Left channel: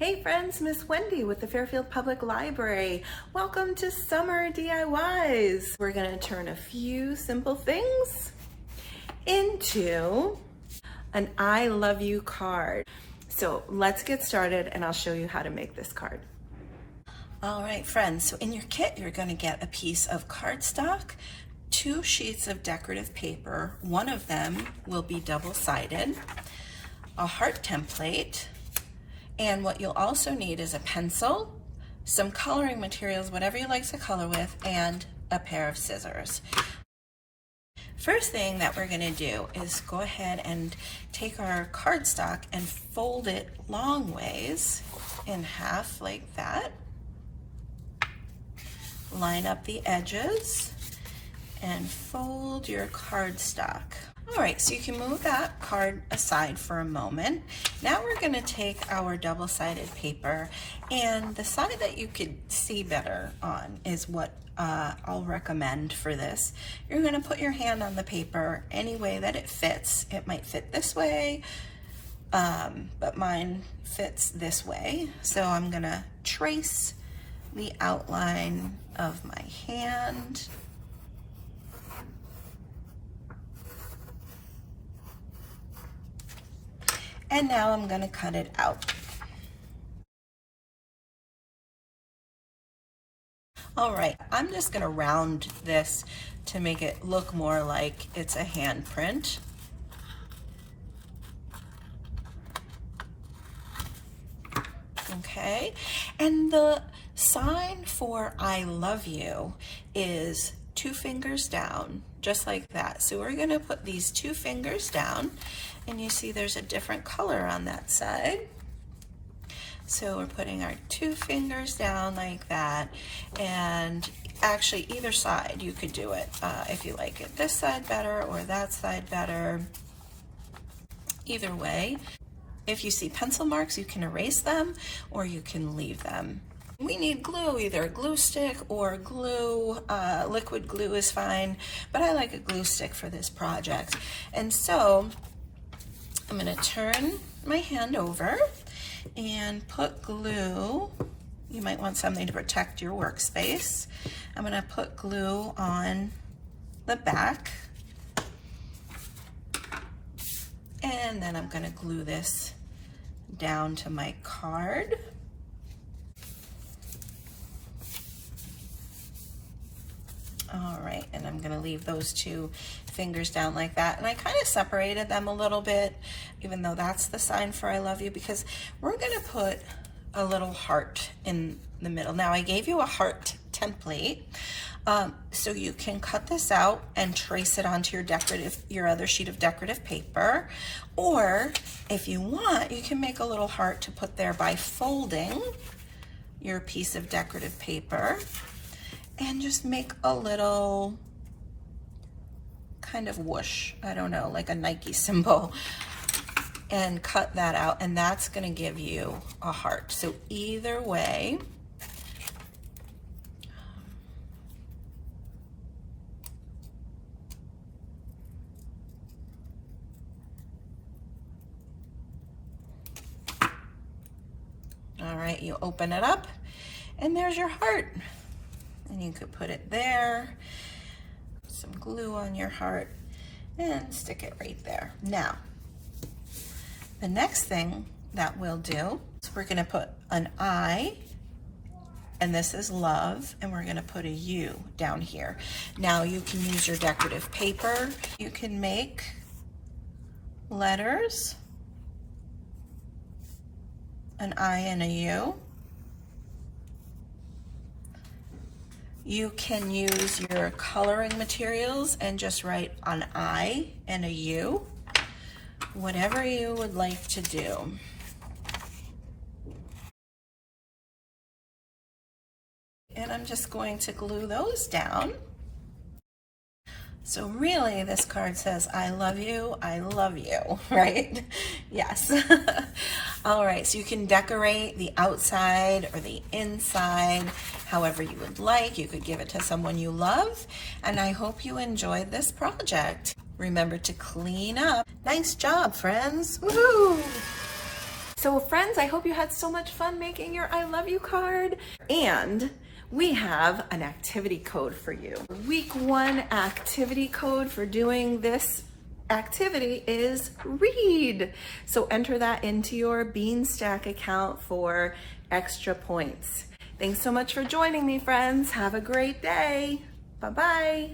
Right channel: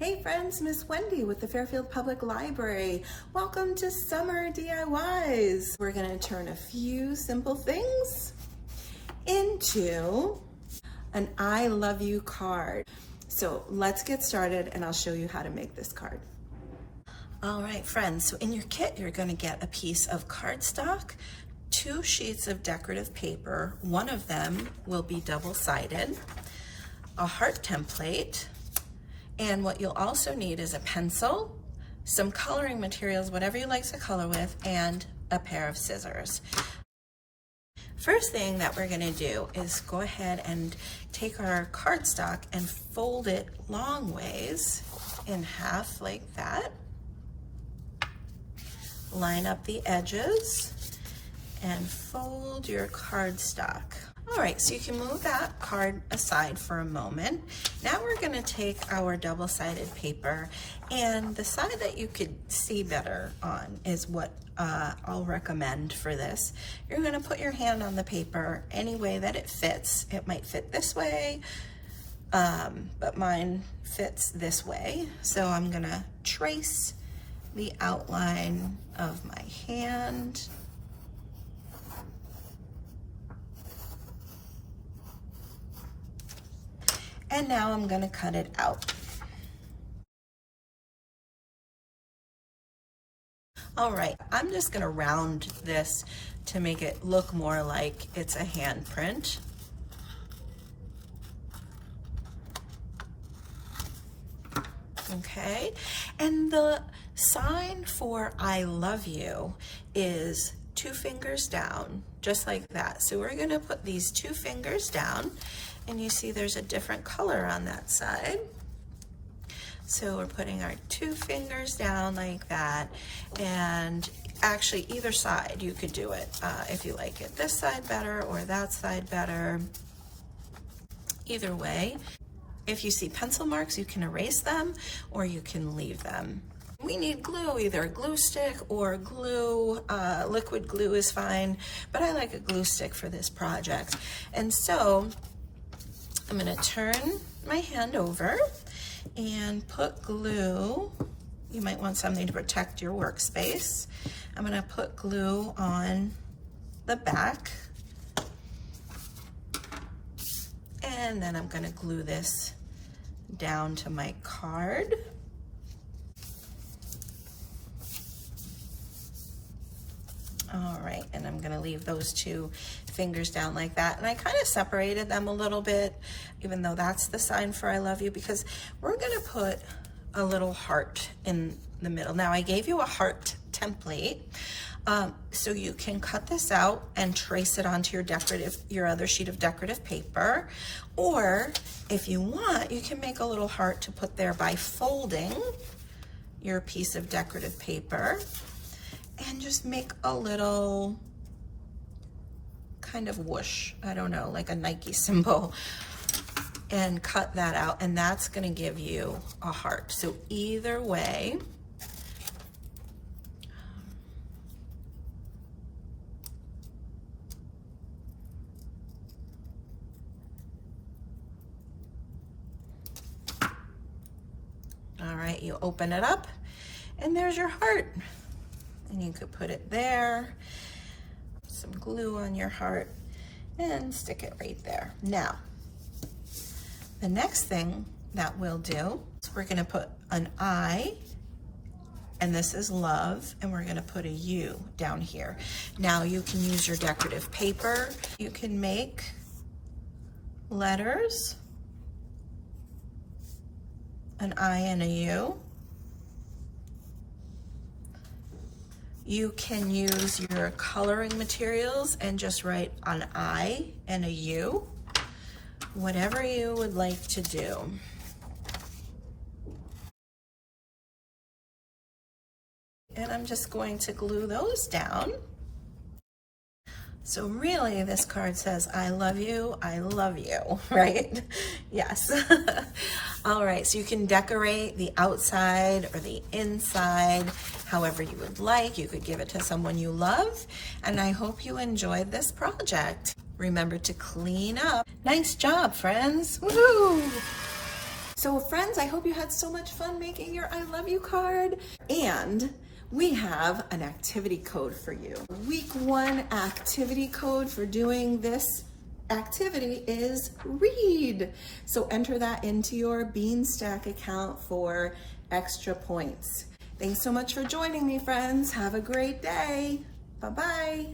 Hey friends, Miss Wendy with the Fairfield Public Library. Welcome to Summer DIYs. We're gonna turn a few simple things into an I love you card. So let's get started and I'll show you how to make this card. All right, friends, so in your kit, you're gonna get a piece of cardstock, 2 sheets of decorative paper. One of them will be double-sided, a heart template, and what you'll also need is a pencil, some coloring materials, whatever you like to color with, and a pair of scissors. First thing that we're gonna do is go ahead and take our cardstock and fold it long ways in half like that. Line up the edges and fold your cardstock. All right, so you can move that card aside for a moment. Now we're gonna take our double-sided paper, and the side that you could see better on is what I'll recommend for this. You're gonna put your hand on the paper any way that it fits. It might fit this way, but mine fits this way. So I'm gonna trace the outline of my hand. And now I'm going to cut it out. All right, I'm just going to round this to make it look more like it's a handprint. Okay, and the sign for I love you is 2 fingers down, just like that. So we're going to put these 2 fingers down, and you see there's a different color on that side. So we're putting our 2 fingers down like that, and actually either side you could do it if you like it this side better or that side better. Either way, if you see pencil marks, you can erase them or you can leave them. We need glue, either a glue stick or glue, liquid glue is fine, but I like a glue stick for this project. And so I'm gonna turn my hand over and put glue. You might want something to protect your workspace. I'm gonna put glue on the back, and then I'm gonna glue this down to my card. All right, and I'm gonna leave those 2 fingers down like that. And I kind of separated them a little bit, even though that's the sign for I love you, because we're gonna put a little heart in the middle. Now I gave you a heart template, so you can cut this out and trace it onto your other sheet of decorative paper. Or if you want, you can make a little heart to put there by folding your piece of decorative paper and just make a little kind of whoosh, I don't know, like a Nike symbol, and cut that out, and that's gonna give you a heart. So either way, all right, you open it up and there's your heart. And you could put it there, some glue on your heart, and stick it right there. Now, the next thing that we'll do is we're gonna put an I, and this is love, and we're gonna put a U down here. Now you can use your decorative paper. You can make letters, an I and a U. You can use your coloring materials and just write an I and a U, whatever you would like to do. And I'm just going to glue those down. So really this card says, I love you, right? Yes. All right, so you can decorate the outside or the inside, however you would like. You could give it to someone you love, and I hope you enjoyed this project. Remember to clean up. Nice job, friends. Woohoo! So friends, I hope you had so much fun making your I love you card. And we have an activity code for you. Week 1 activity code for doing this activity is read. So enter that into your Beanstack account for extra points. Thanks so much for joining me, friends. Have a great day. Bye-bye.